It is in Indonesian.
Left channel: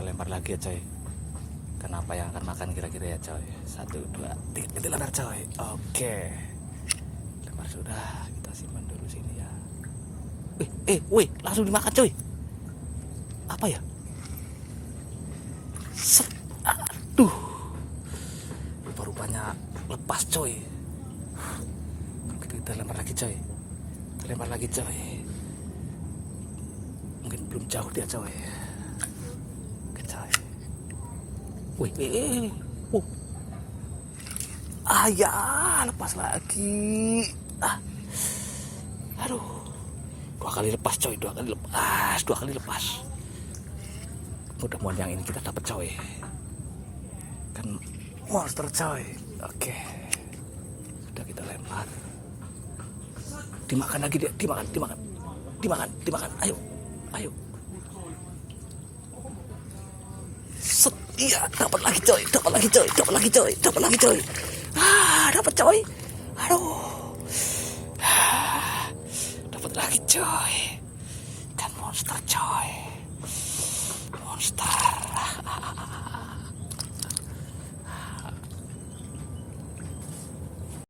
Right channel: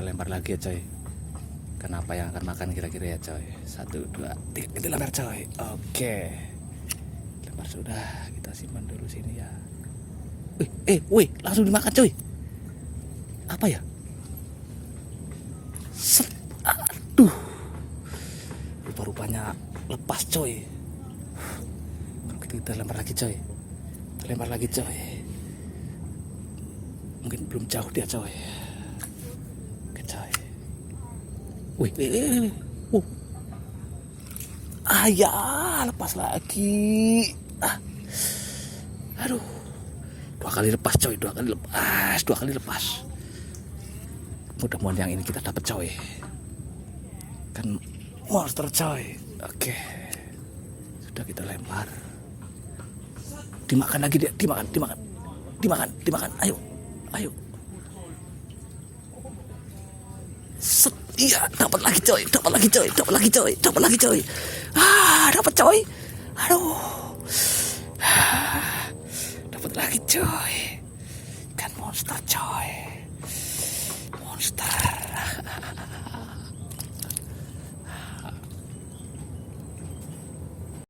kita lempar lagi ya coy. Kenapa yang akan makan kira-kira ya coy? 1, 2, 3, kita lempar coy. Oke, lempar sudah, kita simpan dulu sini ya. Wih, langsung dimakan coy. Apa ya? Set, aduh, rupa-rupanya lepas coy. Kita lempar lagi coy. Lempar lagi coy. Mungkin belum jauh dia coy. Oke coy. Wih. Ya, lepas lagi. Aduh. 2 kali lepas coy, 2 kali lepas. Mudah-mudahan yang ini kita dapat coy. Kan monster coy. Oke. Sudah kita lempar. Dimakan lagi dia, dimakan. Ayo. Set, iya, dapat lagi coy. Dapat lagi coy. Dapat coy. Aduh. Dapat lagi coy. Kan monster coy. Monster.